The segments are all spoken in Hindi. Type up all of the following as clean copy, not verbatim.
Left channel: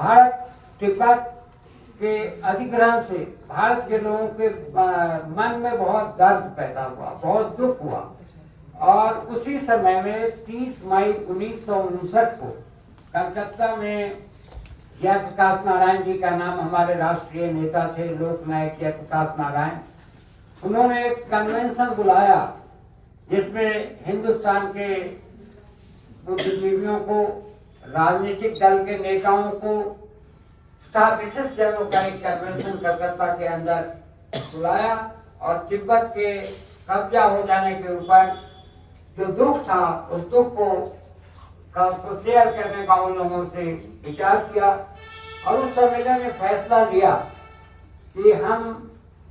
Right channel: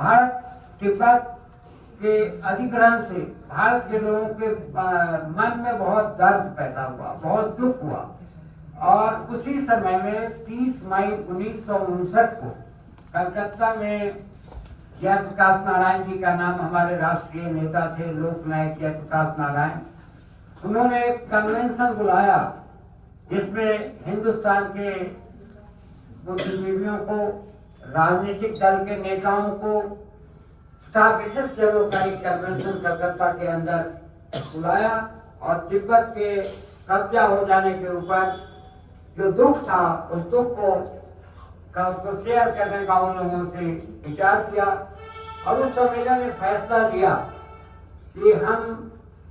भारत तिब्बत के अधिग्रहण से भारत के लोगों के मन में बहुत दर्द पैदा हुआ, बहुत दुख हुआ। और उसी समय में 30 मई 1959 को कलकत्ता में जयप्रकाश नारायण जी का नाम, हमारे राष्ट्रीय नेता थे लोकनायक जयप्रकाश नारायण, उन्होंने एक कन्वेंशन बुलाया जिसमें हिंदुस्तान के बुद्धिजीवियों को, राजनीतिक दल के नेताओं को तथा विशिष्ट जनों का एक कन्वेंशन कलकत्ता के अंदर बुलाया और तिब्बत के कब्जा हो जाने के ऊपर जो दुख था उस दुख को शेयर करने का उन लोगों से विचार किया। और उस सम्मेलन ने फैसला लिया कि हम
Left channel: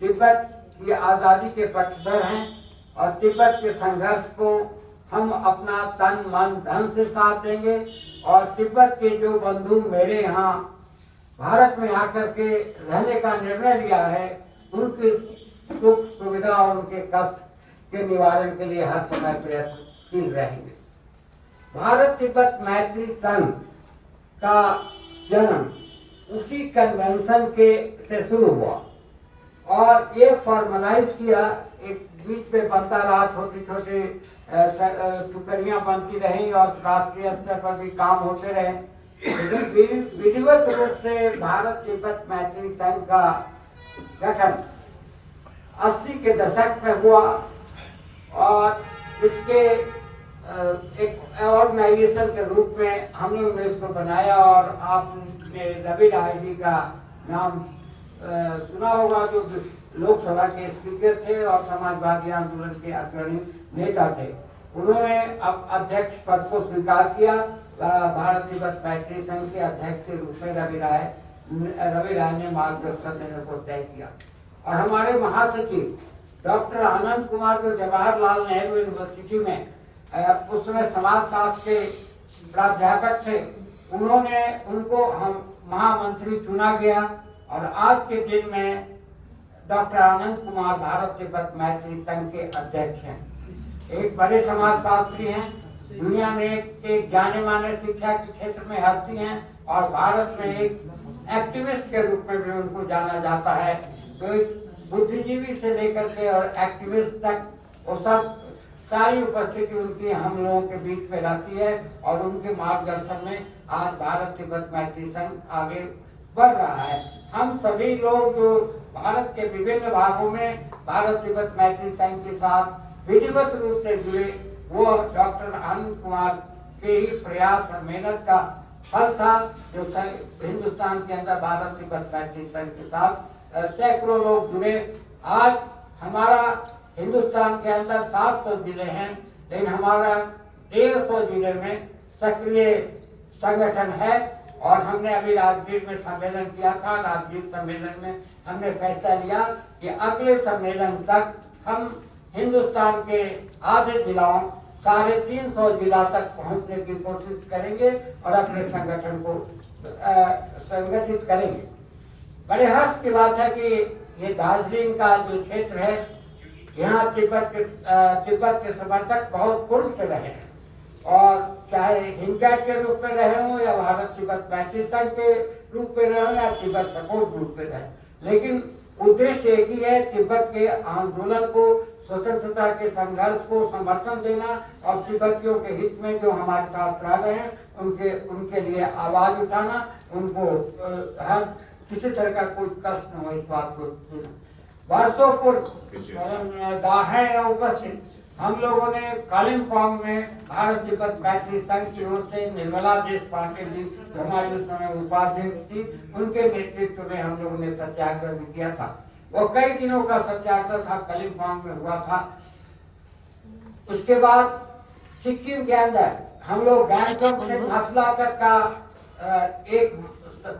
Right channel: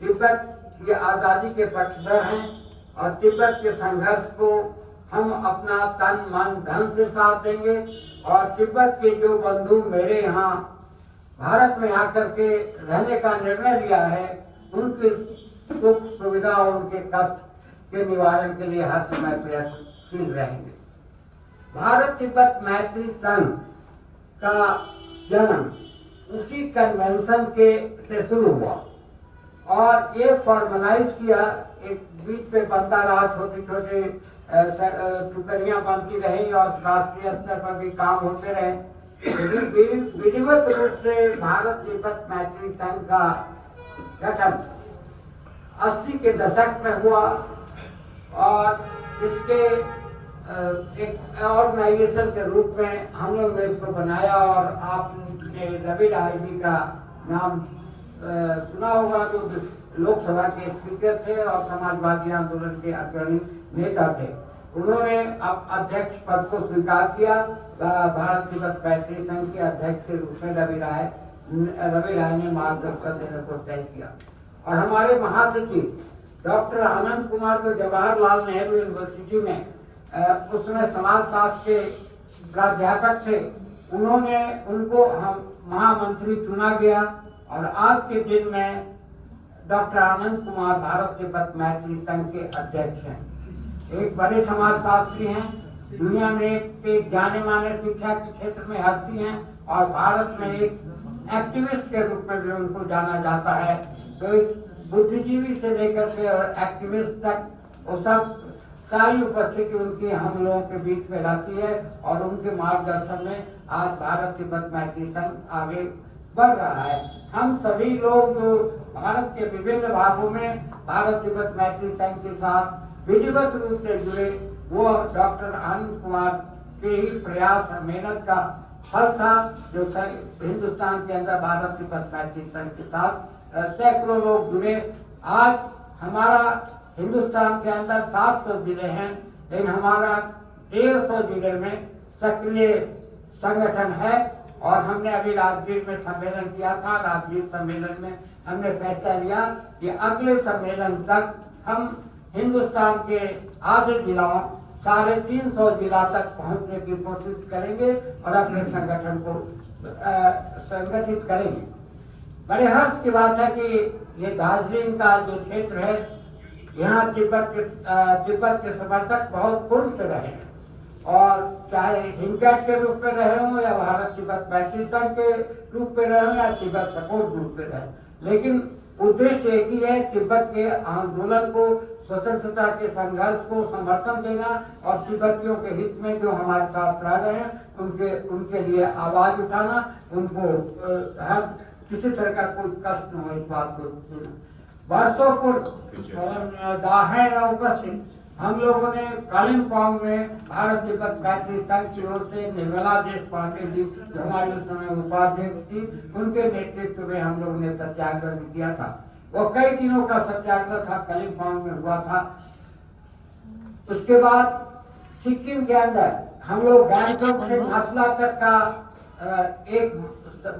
तिब्बत की आज़ादी के पक्षधर हैं और तिब्बत के संघर्ष को हम अपना तन मन धन से साथ देंगे। और तिब्बत के जो बंधु मेरे यहाँ भारत में आकर के रहने का निर्णय लिया है, उनकी सुख सुविधा और उनके कष्ट के निवारण के लिए हर समय प्रयत्नशील रहेंगे। भारत तिब्बत मैत्री संघ का जन्म उसी कन्वेंशन के से शुरू हुआ और ये फॉर्मलाइज किया। एक बीच में बनता रहा, छोटे छोटे टुकड़ियां बनती रही और राष्ट्रीय स्तर पर भी काम होते रहे, लेकिन विधिवत रूप से भारत तिब्बत मैत्री संघ का गठन 80 के दशक में हुआ और इसके एक ऑर्गेनाइजेशन के रूप में हम लोग ने इसको बनाया। और आपने रवि राय जी का नाम सुना होगा, जो लोकसभा के स्पीकर थे और समाजवादी आंदोलन के अग्रणी नेता थे। उन्होंने अब अध्यक्ष पद को स्वीकार किया। भारत तिब्बत मैत्री संघ के अध्यक्ष के रूप में रवि राय ने मार्गदर्शन देने को तय किया। और हमारे महासचिव डॉक्टर अनंत कुमार जो जवाहरलाल नेहरू यूनिवर्सिटी में उस समय समाजशास्त्र के प्राध्यापक थे, उनको हम महामंत्री चुना गया। और आज के दिन में डॉक्टर अनंत कुमार भारत तिब्बत मैत्री संघ के अध्यक्ष हैं। एक बड़े समाजशास्त्री हैं, दुनिया में एक जाने माने शिक्षा के क्षेत्र में हस्ती हैं और भारत में एक एक्टिविस्ट के रूप में भी उनको जाना जाता है। तो एक बुद्धिजीवी से लेकर के और एक्टिविस्ट तक वो सब सारी उपस्थिति उनकी हम लोगों के बीच में रहती है और उनके मार्गदर्शन में आज भारत तिब्बत मैत्री संघ आगे बढ़ रहा है। हम सभी लोग जो भारत के विभिन्न भागों में भारत तिब्बत मैत्री संघ के साथ विधिवत रूप से जुड़े, वो डॉक्टर अनंत कुमार के ही प्रयास और मेहनत का फल था जो हिंदुस्तान के अंदर भारत तिब्बत मैत्री संघ के साथ सैकड़ों लोग जुड़े। आज हमारा हिंदुस्तान के अंदर 700 जिले हैं, लेकिन हमारा 150 जिले में सक्रिय संगठन है। और हमने अभी राजगीर में सम्मेलन किया था। राजगीर सम्मेलन में हमने फैसला लिया कि अगले सम्मेलन तक हम हिंदुस्तान के आधे जिलों 350 जिला तक पहुंचने की कोशिश करेंगे और अपने संगठन को संगठित करेंगे। बड़े हर्ष की बात है कि ये दार्जिलिंग का जो क्षेत्र है, यहाँ तिब्बत के समर्थक बहुत पूर्व से रहे हैं और चाहे हिंदुस्तान के रूप में रहे हो या भारत तिब्बत मैत्री संघ के रूप में रहे हो या तिब्बत सपोर्ट रूप में रहे, लेकिन उद्देश्य एक ही है, तिब्बत के आंदोलन को, स्वतंत्रता के संघर्ष को समर्थन देना और तिब्बतियों के हित में जो हमारे साथ रह रहे हैं उनके लिए आवाज उठाना, उनको हर किसी तरह का कोई कष्ट न हो इस बात को देना। वर्षों पूर्व दाहे उपस्थित हम लोगों ने कालिम्पोंग में भारत तिब्बत मैत्री संघ की ओर से निर्मला देश पाटिल जी जो हमारे उस समय उपाध्यक्ष थी, उनके नेतृत्व में हम लोगों ने सत्याग्रह भी किया था। वो कई दिनों का सत्याग्रह था, कालिम्पोंग में हुआ था। उसके बाद सिक्किम के अंदर हम लोग गैंगटॉक से नाथुला तक का एक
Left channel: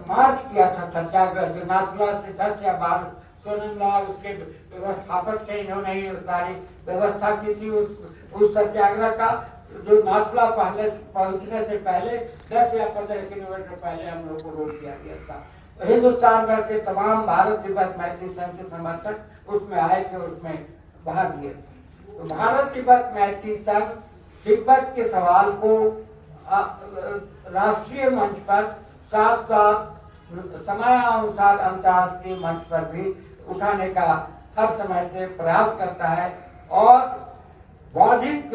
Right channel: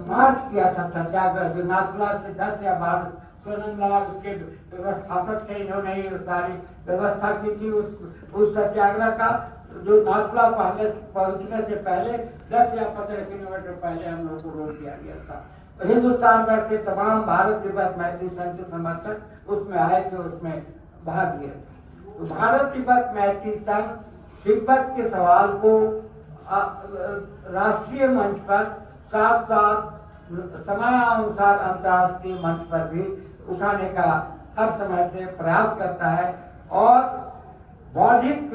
मार्च किया था सत्याग्रह, जो नाथुला से 10 या 12 सोनमलाल उसके व्यवस्थापक थे, इन्होंने सारी व्यवस्था की थी उस सत्याग्रह का, जो नाथुला पहुंचने से पहले 10 या 15 किलोमीटर पहले हम लोग को रोक दिया गया था। तो हिंदुस्तान भर के तमाम भारत तिब्बत मैत्री संघ के समर्थक उसमें आए थे, उसमें भाग लिए। तो भारत तिब्बत मैत्री संघ तिब्बत के सवाल को राष्ट्रीय मंच पर साथ साथ समयानुसार अंतर्राष्ट्रीय मंच पर भी उठाने का हर समय से प्रयास करता है। और बौद्धिक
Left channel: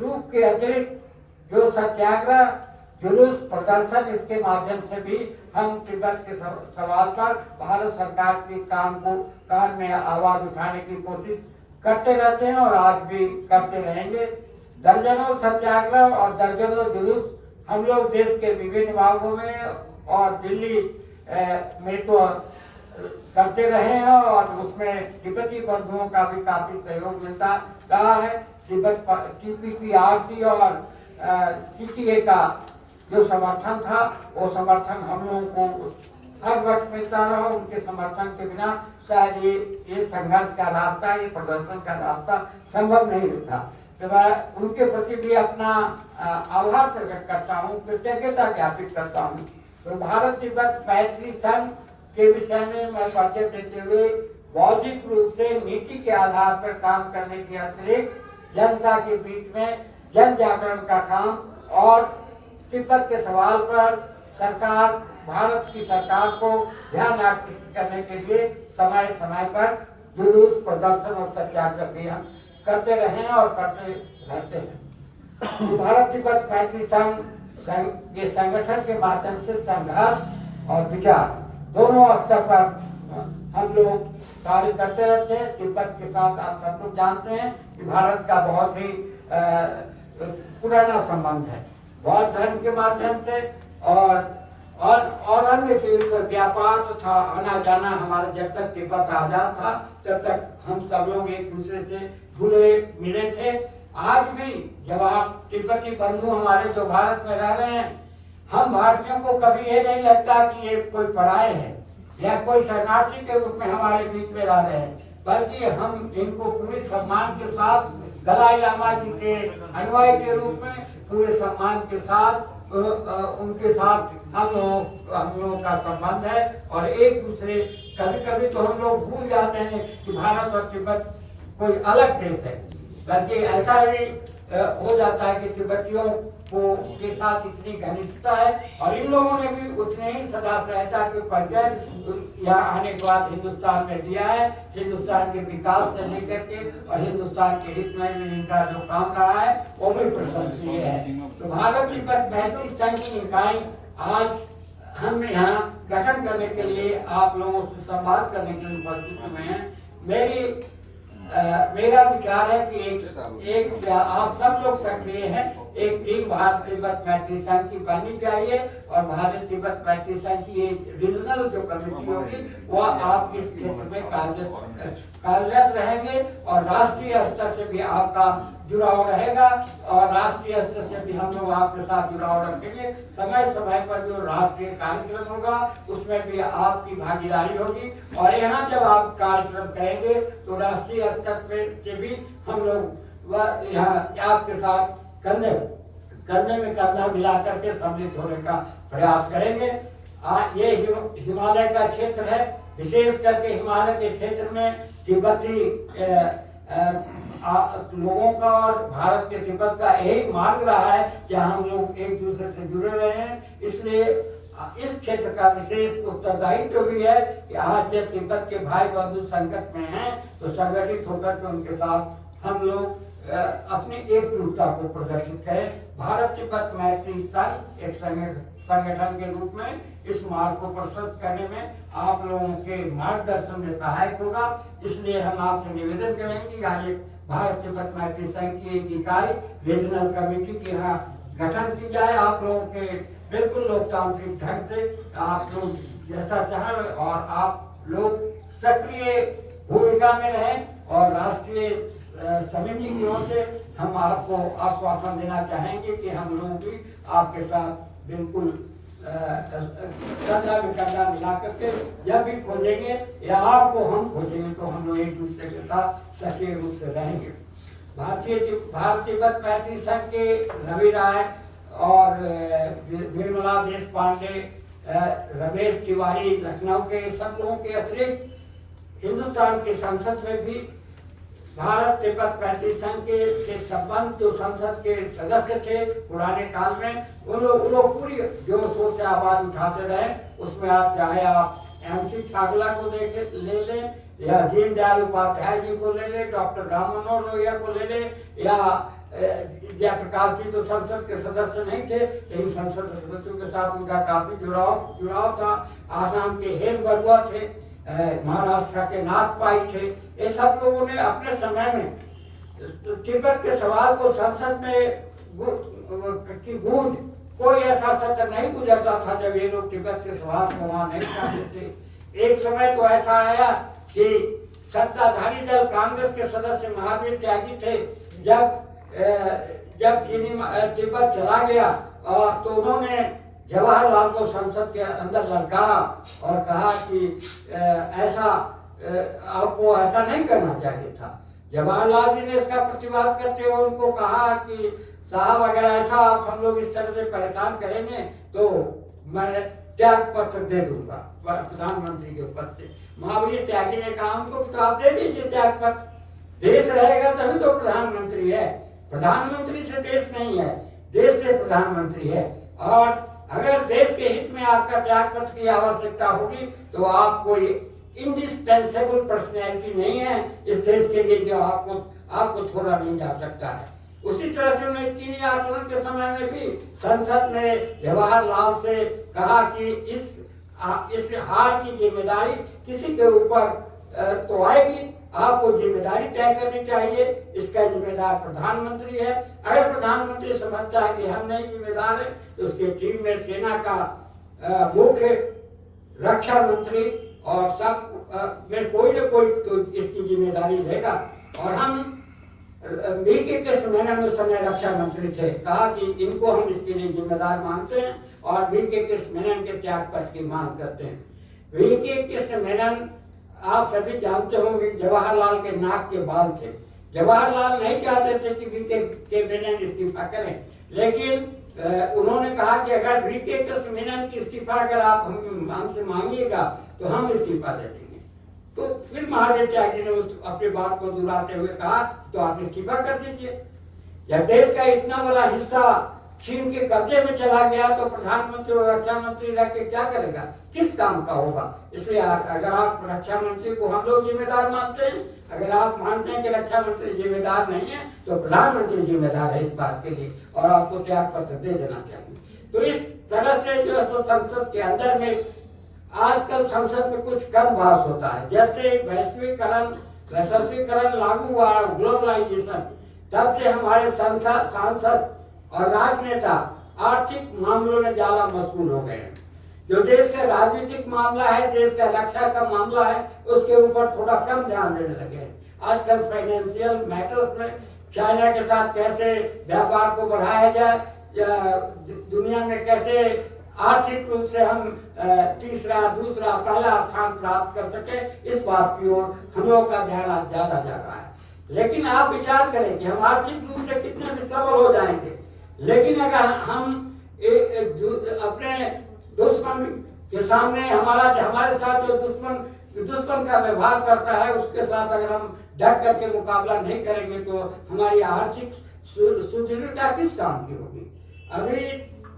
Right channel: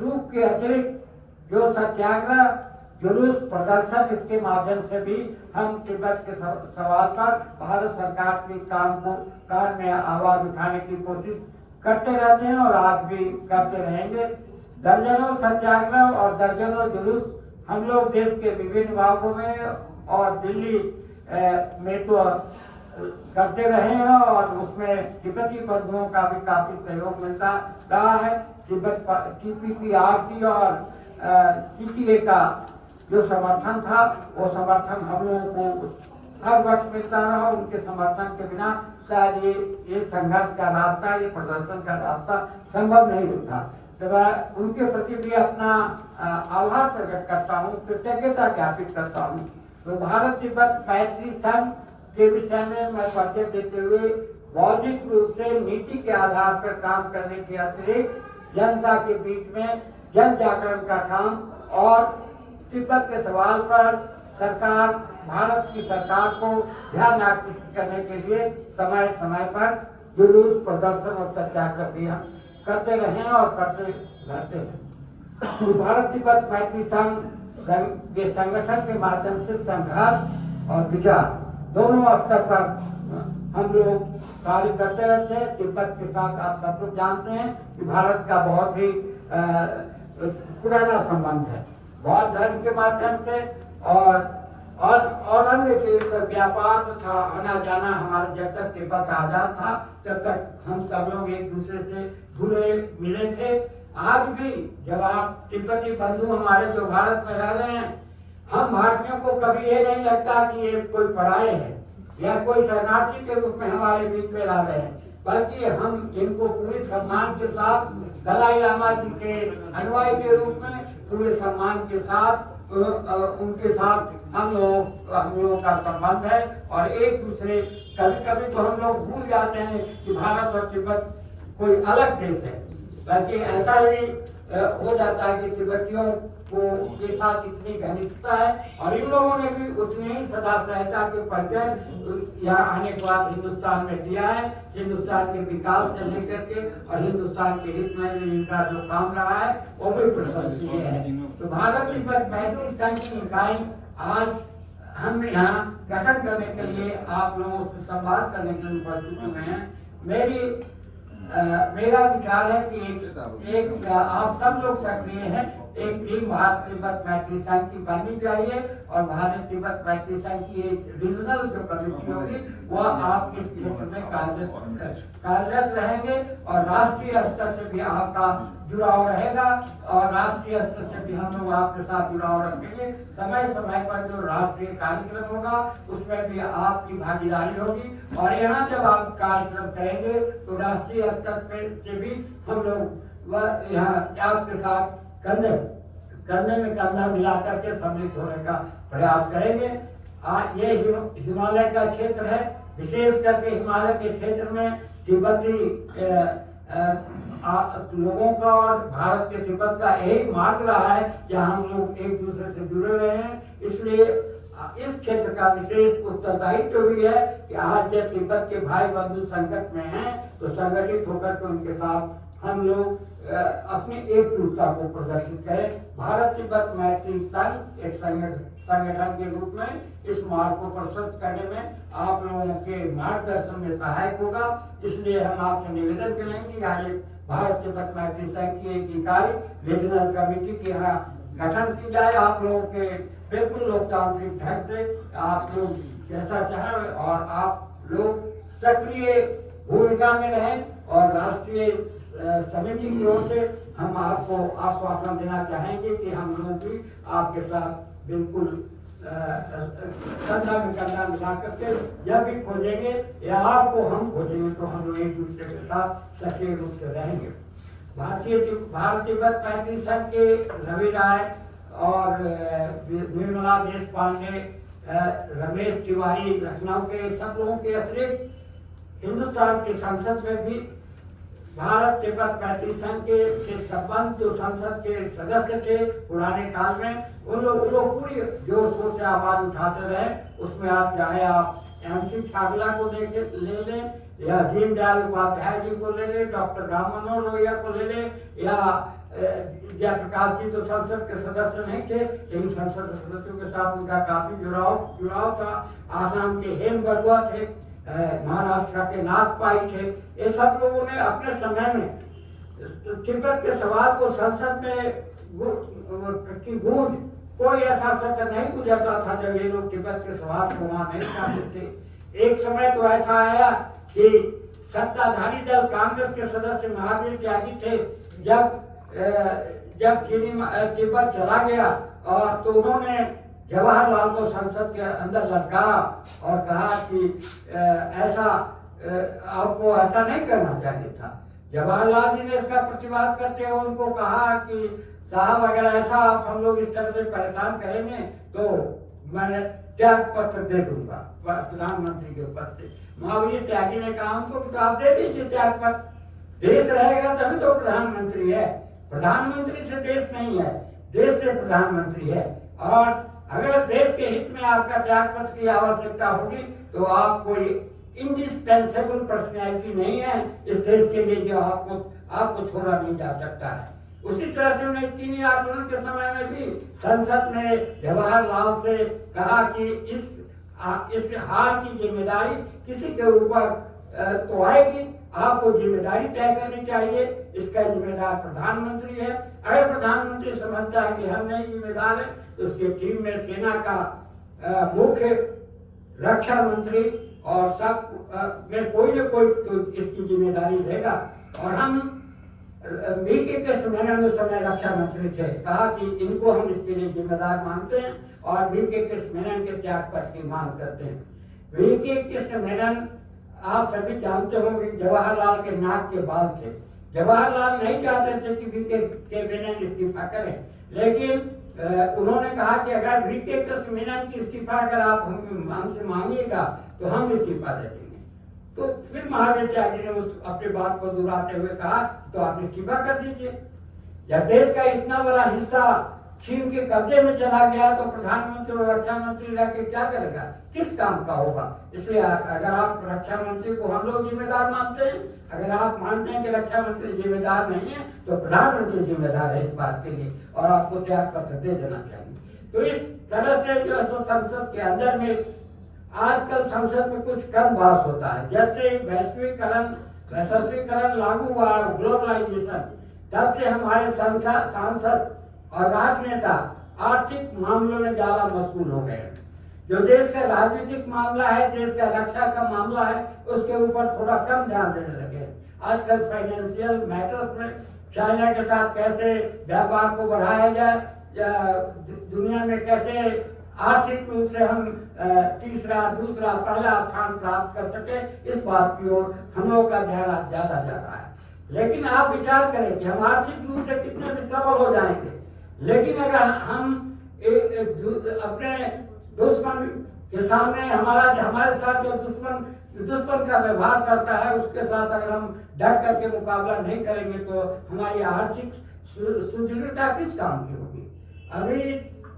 रूप के अतिरिक्त जो सत्याग्रह, जुलूस, प्रदर्शन, इसके माध्यम से भी हम तिब्बत के सवाल पर भारत सरकार के कान में आवाज उठाने की कोशिश करते रहते हैं और आज भी करते रहेंगे। दर्जनों सत्याग्रह और दर्जनों जुलूस हम लोग देश के विभिन्न भागों में और दिल्ली में तो करते रहे हैं और उसमें तिब्बती बंधुओं का भी काफी सहयोग मिलता रहा है। तिब्बत TPPRC और CTA का जो समर्थन था वो समर्थन हम लोगों को हर वक्त मिलता रहा। उनके समर्थन के बिना शायद ये संघर्ष का रास्ता, ये प्रदर्शन का रास्ता संभव नहीं होता। तो मैं उनके प्रति भी अपना आभार प्रकट करता हूँ, कृतज्ञता ज्ञापित करता हूँ। तो भारत तिब्बत मैत्री संघ के विषय में मैं परिचय देते हुए बौद्धिक रूप से नीति के आधार पर काम करने के अतिरिक्त जनता के बीच में जन जागरण का काम और तिब्बत के सवाल पर सरकार, भारत की सरकार को ध्यान आकर्षित करने के लिए समय समय पर जुलूस, प्रदर्शन और सत्याग्रह भी हम करते रहे और करते रहते हैं। भारत तिब्बत मैत्री संघ के संगठन के माध्यम से संघर्ष और विचार दोनों स्तर पर हम लोग कार्य करते रहते हैं। तिब्बत के साथ आप सब लोग जानते हैं कि भारत का बहुत ही पुराना संबंध है, बौद्ध धर्म के माध्यम से और अन्य से व्यापार तथा आना जाना हमारा जब तक तिब्बत आजाद था तब तक हम सब लोग एक दूसरे से जुड़े मिले थे। आज भी जब आप तिब्बती बंधु हमारे जो भारत में रह रहे हैं, हम भारतीयों को कभी ये नहीं लगता कि ये कोई पराये है या कोई शरणार्थी के रूप में हमारे बीच में रह रहे हैं, बल्कि हम इनको पूरे सम्मान के साथ दलाई लामा जी के अनुयायी के रूप में पूरे सम्मान के साथ उनके साथ हम लोगों का संबंध है। और एक दूसरे कभी कभी तो हम लोग भूल जाते हैं कि भारत और तिब्बत कोई अलग देश है, बल्कि ऐसा ही हो जाता है कि तिब्बतियों को के साथ इतनी घनिष्ठता है और इन लोगों ने भी उतने ही सदा सहायता के परिचय यहाँ आने के बाद हिंदुस्तान में दिया है। हिंदुस्तान के विकास से लेकर के और हिंदुस्तान के हित में भी इनका जो काम रहा है वो भी प्रशंसनीय है। तो भारत तिब्बत मैत्री संघ की इकाई आज हम यहाँ गठन करने के लिए आप लोगों से संवाद करने के लिए उपस्थित हुए हैं। मेरा विचार है कि एक आप सब लोग सक्रिय हैं, एक टीम भारत तिब्बत मैत्री संघ की बननी चाहिए और भारत तिब्बत मैत्री संघ की एक रीजनल जो कमेटी होगी वह आप इस क्षेत्र में कार्यरत रहेंगे और राष्ट्रीय स्तर से भी आपका जुड़ाव रहेगा और राष्ट्रीय स्तर से भी हम लोग आपके साथ जुड़ाव रखेंगे। समय समय पर जो राष्ट्रीय कार्यक्रम होगा उसमें भी आपकी भागीदारी होगी और यहाँ जब आप कार्यक्रम करेंगे तो राष्ट्रीय स्तर से भी हम लोग यहाँ आपके साथ करने में करना मिला करके सम्मिलित होने का प्रयास करेंगे। ये हिमालय का क्षेत्र है, विशेष करके हिमालय के क्षेत्र में तिब्बती लोगों का और भारत के तिब्बत का यही मार्ग रहा है कि हम लोग एक दूसरे से जुड़े रहे हैं। इसलिए इस क्षेत्र का विशेष उत्तरदायित्व भी है कि आज जब तिब्बत के भाई बंधु संकट में हैं तो संगठित होकर के उनके साथ हम लोग अपनी एकजुटता को प्रदर्शित करें। भारत तिब्बत मैत्री संघ एक संगठन के रूप में इस मार्ग को प्रशस्त करने में आप लोगों के मार्गदर्शन में सहायक होगा। इसलिए हम आपसे निवेदन करेंगे कि आज भारत तिब्बत मैत्री संघ की एक इकाई रीजनल कमेटी के यहाँ गठन की जाए। आप लोगों के बिल्कुल लोकतांत्रिक ढंग से आप लोग जैसा चाहें और आप लोग सक्रिय भूमिका में रहें और राष्ट्रीय समिति की ओर से हम आपको आश्वासन देना चाहेंगे कि हम लोग भी आपके साथ बिल्कुल कंधा में कंधा मिला करके जब भी खोजेंगे या आपको हम खोजेंगे तो हम लोग एक दूसरे के साथ सक्रिय रूप से रहेंगे। भारत तिब्बत मैत्री संघ के रवि राय और निर्मला देश पांडे, रमेश तिवारी लखनऊ के सब लोगों के अतिरिक्त हिंदुस्तान की संसद में भी भारत तिब्बत मैत्री संघ के से संबंध जो संसद के सदस्य थे पुराने काल में, उन लोग पूरी जोर शोर से आवाज उठाते रहे। उसमें आप चाहे आप MC छागला को ले लें, या दीनदयाल उपाध्याय जी को ले लें, डॉक्टर राम मनोहर लोहिया को ले लें, या जयप्रकाश जी तो संसद के सदस्य नहीं थे, लेकिन संसद के सदस्यों के साथ उनका काफी जुड़ाव था। आसाम के हेम बरुआ थे, महाराष्ट्र के नाथ पाई थे। ये सब लोगों ने अपने समय में तिब्बत के सवाल को संसद में की गूंज, कोई ऐसा सत्र नहीं गुजरता था जब ये लोग तिब्बत के सवाल को वहां नहीं चाहते थे। एक समय तो ऐसा आया कि सत्ताधारी दल कांग्रेस के सदस्य महावीर त्यागी थे, जब तिब्बत चला गया और तो उन्होंने जवाहरलाल को संसद के अंदर लटकाया और कहा कि ऐसा आपको ऐसा नहीं करना चाहिए था। जवाहरलाल जी ने इसका प्रतिवाद करते हुए उनको कहा कि साहब, अगर ऐसा आप हम लोग इस तरह से परेशान करेंगे तो मैं त्याग पत्र दे दूंगा प्रधानमंत्री के पद से। महावीर त्यागी ने कहा हमको तो आप दे दीजिए त्याग पत्र, देश रहेगा तभी तो प्रधानमंत्री है, प्रधानमंत्री से देश नहीं है, देश से प्रधानमंत्री है। और अगर देश के हित में आपका त्याग पत्र की आवश्यकता होगी तो आप कोई इंडिस्पेंसेबल पर्सनैलिटी नहीं है इस देश के लिए जो आपको छोड़ा नहीं जा सकता है। उसी तरह से मैं चीनी आंदोलन के समय में भी संसद ने जवाहरलाल से कहा कि इस हार की जिम्मेदारी किसी के ऊपर तो आएगी, आपको जिम्मेदारी तय करनी चाहिए, इसका जिम्मेदार प्रधानमंत्री है। अगर प्रधानमंत्री समझता है कि हम नहीं जिम्मेदार है तो उसकी टीम में सेना का मुख्य, रक्षा मंत्री और सब में कोई न कोई तो इसकी जिम्मेदारी लेगा। और हम वीके कृष्ण मेनन उस समय रक्षा मंत्री थे, कहा कि इनको हम इसके लिए जिम्मेदार मानते हैं और वीके कृष्ण मेनन के त्याग पत्र की मांग करते हैं। वीके कृष्ण मेनन आप सभी जानते होंगे जवाहरलाल के नाक के बाल थे। जवाहरलाल नहीं चाहते थे कि वीके मेनन इस्तीफा करें, लेकिन उन्होंने कहा कि अगर वीके कृष्ण मेनन की इस्तीफा अगर आप हमसे मांगिएगा तो हम इस्तीफा दे देंगे। तो फिर महावीर त्यागी ने उस अपनी बात को दोहराते हुए कहा तो आप इस्तीफा कर दीजिए। जब देश का इतना बड़ा हिस्सा चीन के कब्जे में चला गया तो प्रधानमंत्री और रक्षा मंत्री रह के क्या करेगा, किस काम का होगा। इसलिए अगर आप रक्षा मंत्री को हम लोग जिम्मेदार मानते हैं, अगर आप मानते हैं कि रक्षा मंत्री जिम्मेदार नहीं है तो प्रधानमंत्री जिम्मेदार है इस बात के लिए और आपको त्याग पत्र दे देना चाहिए। तो इस तरह से जो है संसद के अंदर में आजकल संसद में कुछ कम बात होता है। जब से वैश्वीकरण लागू हुआ, ग्लोबलाइजेशन, तब से हमारे सांसद और राजनेता आर्थिक मामलों में ज्यादा मशगूल हो गए। जो देश का राजनीतिक मामला है, देश का रक्षा का मामला है, उसके ऊपर थोड़ा कम ध्यान देने लगे। आजकल फाइनेंशियल मैटर्स में चाइना के साथ कैसे व्यापार को बढ़ाया जाए, या दुनिया में कैसे आर्थिक रूप से हम तीसरा, दूसरा, पहला स्थान प्राप्त कर सके, इस बात की ओर हम लोग का ध्यान आज ज्यादा जा रहा है। लेकिन आप विचार करें कि हम आर्थिक रूप से कितने भी सबल हो जाएंगे, लेकिन अगर हम अपने दुश्मन के सामने हमारे साथ जो दुश्मन का व्यवहार करता है उसके साथ अगर हम डट करके मुकाबला नहीं करेंगे तो हमारी आर्थिक सुदृढ़ता किस काम की होगी। अभी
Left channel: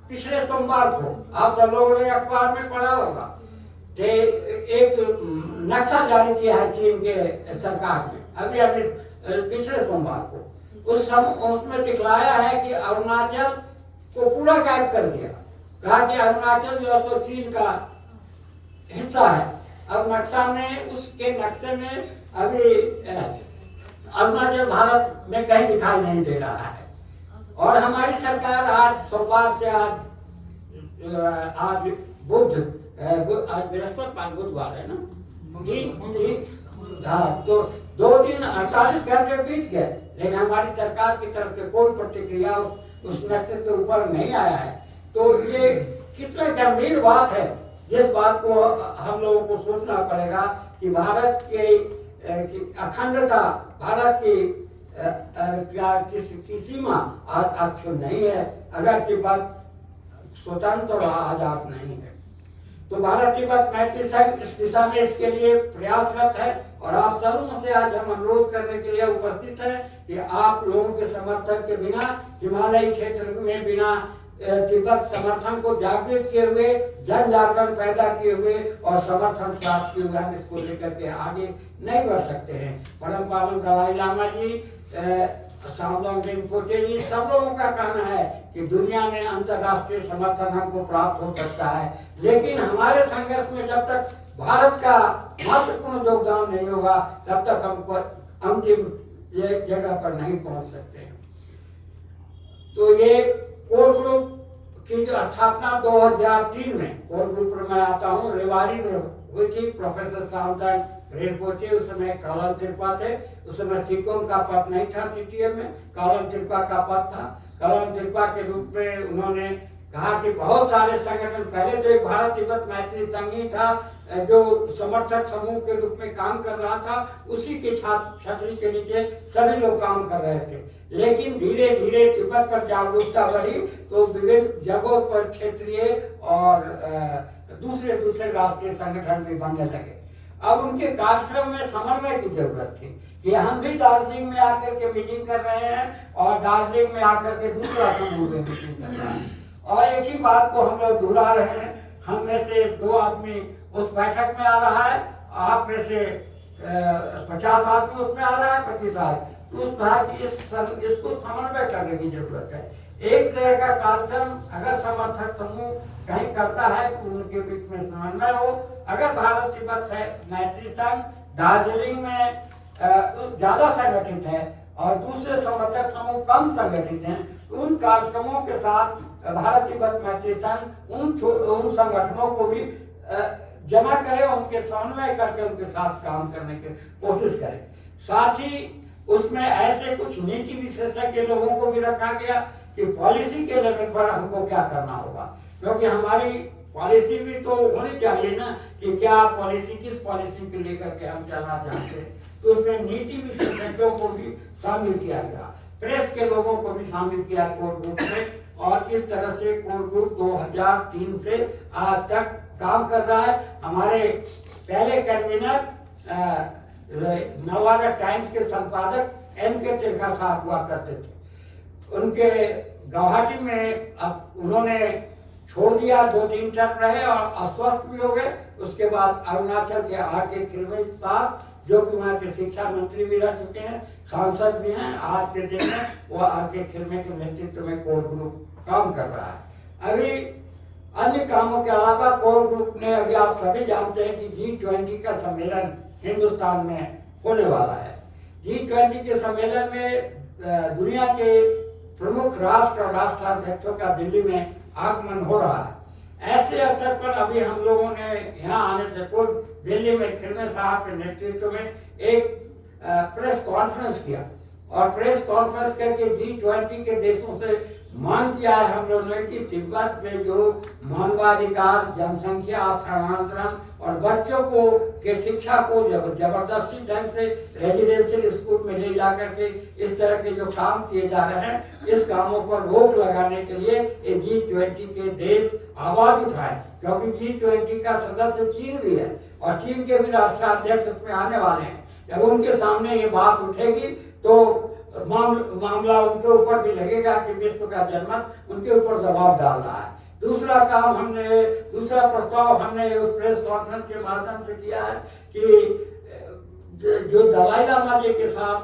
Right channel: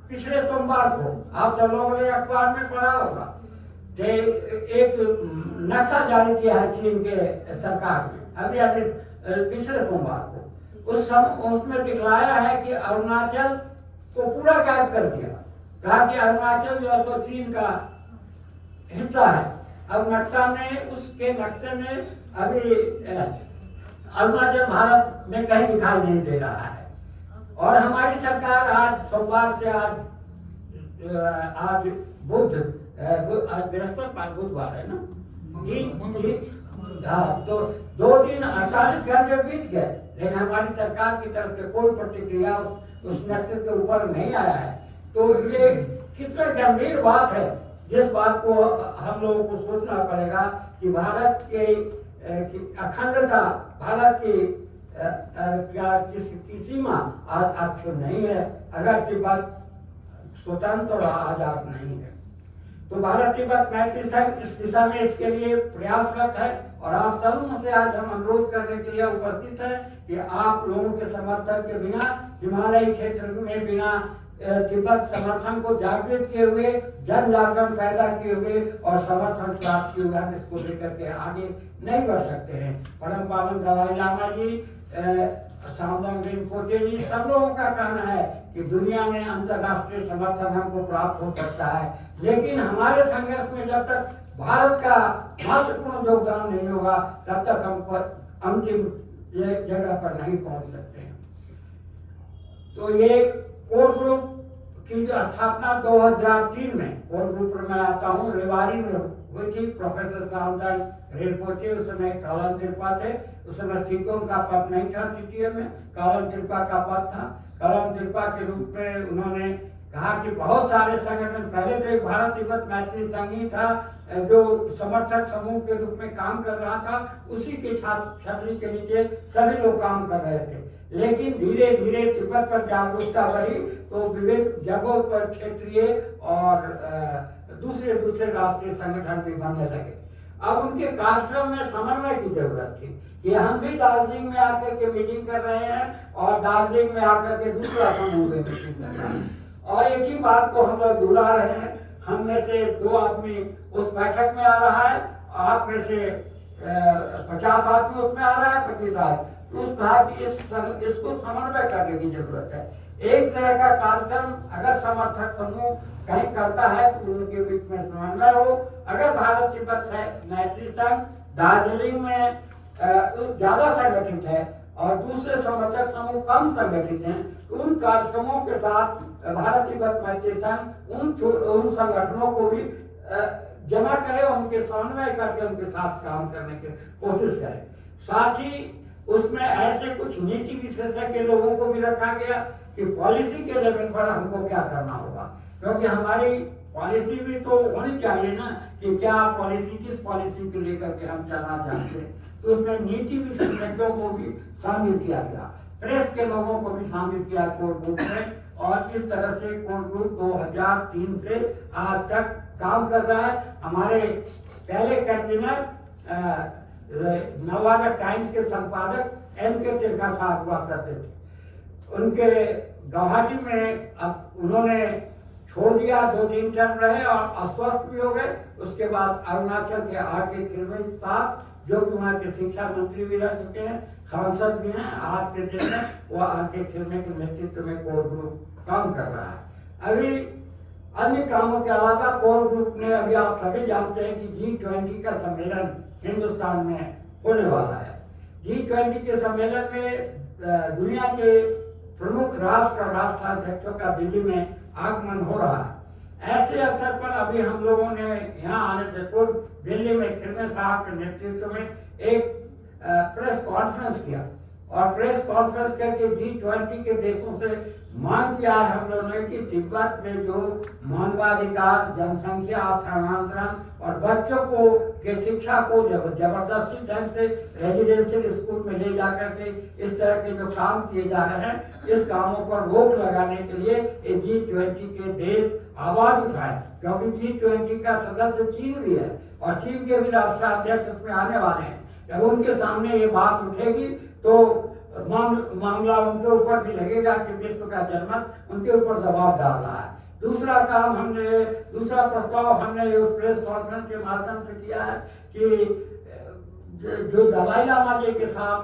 पिछले सोमवार को आप सब लोगों ने अखबार में पढ़ा होगा कि एक नक्शा जारी किया है चीन के सरकार ने, अभी पिछले सोमवार को उसमें दिखलाया है कि अरुणाचल को पूरा गायब कर दिया। कहा कि अरुणाचल जो है चीन का हिस्सा है। अब उसके नक्शे में अभी अरुणाचल भारत में कहीं दिखाई नहीं दे रहा है। और हमारी सरकार आज सोमवार से आज बृहस्पतिवार, बुधवार है ना, हाँ, तो 2 दिन 48 घंटे बीत गए, लेकिन हमारी सरकार की तरफ से कोई प्रतिक्रिया उस नक्शे के ऊपर नहीं आया है। तो ये कितना गंभीर बात है, जिस बात को हम लोगों को सोचना पड़ेगा कि भारत की अखंडता, भारत की सीमा आज नहीं है अगर तिब्बत स्वतंत्र और आजाद नहीं है। तो भारत तिब्बत मैत्री संघ इस दिशा में इसके लिए प्रयासरत है और आप सबों से आज हम अनुरोध करने के लिए उपस्थित है कि आप लोगों के समर्थन के बिना, हिमालयी क्षेत्र में बिना तिब्बत समर्थन को जागृत किए हुए, जन जागरण पैदा किए हुए और समर्थन प्राप्त किए हुए हम इसको लेकर के आगे नहीं बढ़ सकते हैं। परम पावन दलाई लामा जी, सामोंग रिम्पोचे जी, सब लोगों का कहना है कि दुनिया में अंतर्राष्ट्रीय समर्थन हमको प्राप्त हो सकता है, लेकिन हमारे संघर्ष में जब तक भारत का महत्वपूर्ण योगदान नहीं होगा तब तक हम अंतिम जगह पर नहीं पहुंच सकते। तो ये कोर ग्रुप की जो स्थापना 2003 में, कोर ग्रुप में आता हूँ, रेवाड़ी में हुई थी। प्रोफेसर साउंडन रिम्पोचे उस समय कालन त्रिपा थे, उस समय सिकोम का पद नहीं था सीटीएम में, कालन त्रिपा का पद था। कालन त्रिपा के रूप में उन्होंने कहा कि बहुत सारे संगठन, पहले तो एक भारत तिब्बत मैत्री संघ ही था जो समर्थक समूह के रूप में काम कर रहा था, उसी के छतरी के नीचे सभी लोग काम कर रहे थे। लेकिन धीरे धीरे तिब्बत पर जागरूकता बढ़ी तो विभिन्न जगहों पर क्षेत्रीय और दूसरे राष्ट्रीय संगठन भी बनने लगे। अब उनके कार्यक्रम में समन्वय की जरूरत थी कि हम भी दार्जिलिंग में आकर के मीटिंग कर रहे हैं और दार्जिलिंग में आकर के दूसरा समूह में मीटिंग कर रहे हैं, और एक ही बात को हम लोग दोहरा रहे हैं। हम में से 2 आदमी उस बैठक में आ रहा है, आप में से 50 आदमी उसमें आ रहा है, 25 आदमी, तो उस बात इसको समन्वय करने की जरूरत है। एक तरह का कार्यक्रम अगर समर्थक समूह कहीं करता है तो उनके बीच में समन्वय हो। अगर भारत तिब्बत मैत्री संघ दार्जिलिंग में ज्यादा संगठित है और दूसरे समर्थक समूह कम संगठित हैं, उन कार्यक्रमों के साथ भारत तिब्बत मैत्री संघ उन संगठनों को भी जमा करे, उनके समन्वय करके उनके साथ काम करने की कोशिश करें। साथ ही उसमें ऐसे कुछ नीति विशेषज्ञ लोगों को भी रखा गया कि पॉलिसी के लेवल पर हमको क्या करना होगा, क्योंकि हमारी पॉलिसी भी तो होनी चाहिए ना कि क्या पॉलिसी, किस पॉलिसी को लेकर के हम चलना चाहते हैं। तो उसमें नीति विशेषज्ञों को भी शामिल किया गया, प्रेस के लोगों को भी शामिल किया कोर ग्रुप में, और इस तरह से कोर ग्रुप 2003 से आज तक काम कर रहा है। हमारे पहले कन्वीनर नवभारत टाइम्स के संपादक एम.के. तिरखा साहब हुआ करते थे। उनके गुवाहाटी में अब उन्होंने छोड़ दिया, 2-3 टर्म रहे और अस्वस्थ भी हो गए। उसके बाद अरुणाचल के आर.के. खिलवे साहब, जो कि वहाँ के शिक्षा मंत्री भी रह चुके हैं, सांसद भी हैं, आज के दिन में वो आर.के. खिलवे के नेतृत्व में कोर ग्रुप काम कर रहा है। अभी अन्य कामों के अलावा कोर ग्रुप ने, अभी आप सभी जानते हैं कि G20 का सम्मेलन हिंदुस्तान में होने वाला है। G20 के सम्मेलन में दुनिया के प्रमुख राष्ट्र और राष्ट्राध्यक्षों का दिल्ली में आगमन हो रहा है। ऐसे अवसर पर अभी हम लोगों ने यहाँ आने से पूर्व दिल्ली में खिलवे साहब के नेतृत्व में एक प्रेस कॉन्फ्रेंस किया, और प्रेस कॉन्फ्रेंस करके G20 के देशों से मांग किया है हम लोगों ने कि तिब्बत में जो मानवाधिकार, जनसंख्या स्थानांतरण और बच्चों को के शिक्षा को जबरदस्ती ढंग से रेजिडेंशियल स्कूल में ले जाकर के इस तरह के जो काम किए जा रहे हैं, इस कामों पर रोक लगाने के लिए ये G20 के देश आवाज उठाए, क्योंकि G20 का सदस्य चीन भी है और चीन के भी राष्ट्राध्यक्ष उसमें आने वाले हैं। जब उनके सामने ये बात उठेगी तो मामला उनके ऊपर भी लगेगा कि विश्व का जनमत उनके ऊपर दबाव डाल रहा है। दूसरा प्रस्ताव हमने उस प्रेस कॉन्फ्रेंस के माध्यम से किया है कि जो दलाई लामा जी के साथ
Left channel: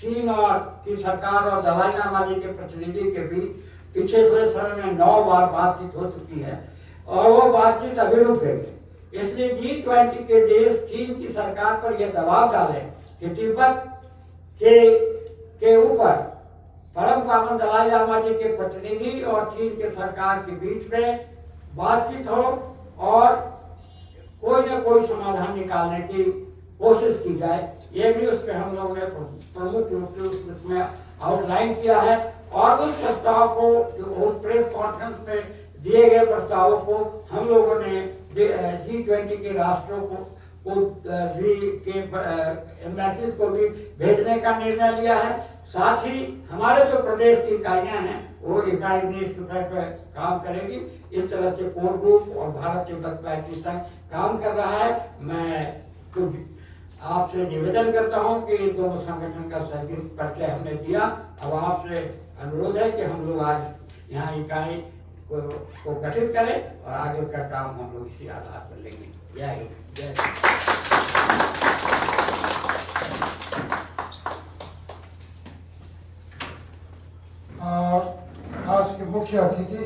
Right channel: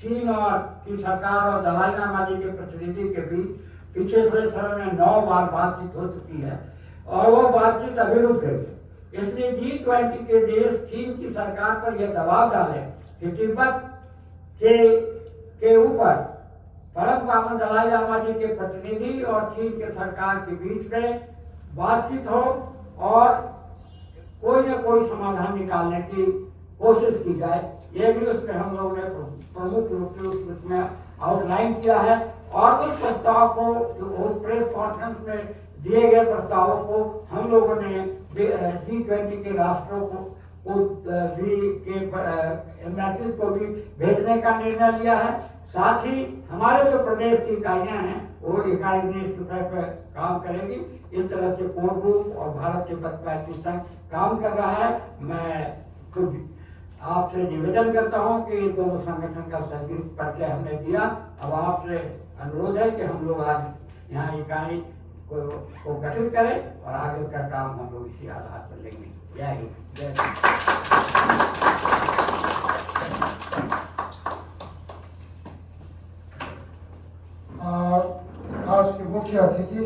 चीन और की सरकार और दलाई लामा जी के प्रतिनिधि के बीच पिछले समय में 9 बार बातचीत हो चुकी है और वो बातचीत अभी रुक गई। इसलिए G20 के देश चीन की सरकार पर यह दबाव डाले कि तिब्बत के ऊपर परम पावन दलाई लामा जी के प्रतिनिधि और चीन के सरकार के बीच में बातचीत हो और कोई न कोई समाधान निकालने की कोशिश की जाए। ये भी उसमें हम लोगों ने प्रमुख रूप से उसमें आउटलाइन किया है, और उस प्रस्ताव को, उस प्रेस कॉन्फ्रेंस में दिए गए प्रस्तावों को हम लोगों ने G20 के राष्ट्रों को एम्बेसीज को भी भेजने का निर्णय लिया है। साथ ही हमारे जो प्रदेश की इकाइयां हैं वो 41 रुपए पे काम करेगी। इस तरह से कोर ग्रुप और भारत तिब्बत मैत्री संघ काम कर रहा है। मैं तो आपसे निवेदन करता हूं कि इन दोनों संगठन का सहयोग परिचय हमने दिया। अब आपसे अनुरोध है कि हम लोग आज यहाँ इकाई को गठित करें और आगे का काम हम लोग इसी आधार पर लेंगे। जय हिंद, जय आज के मुख्य अतिथि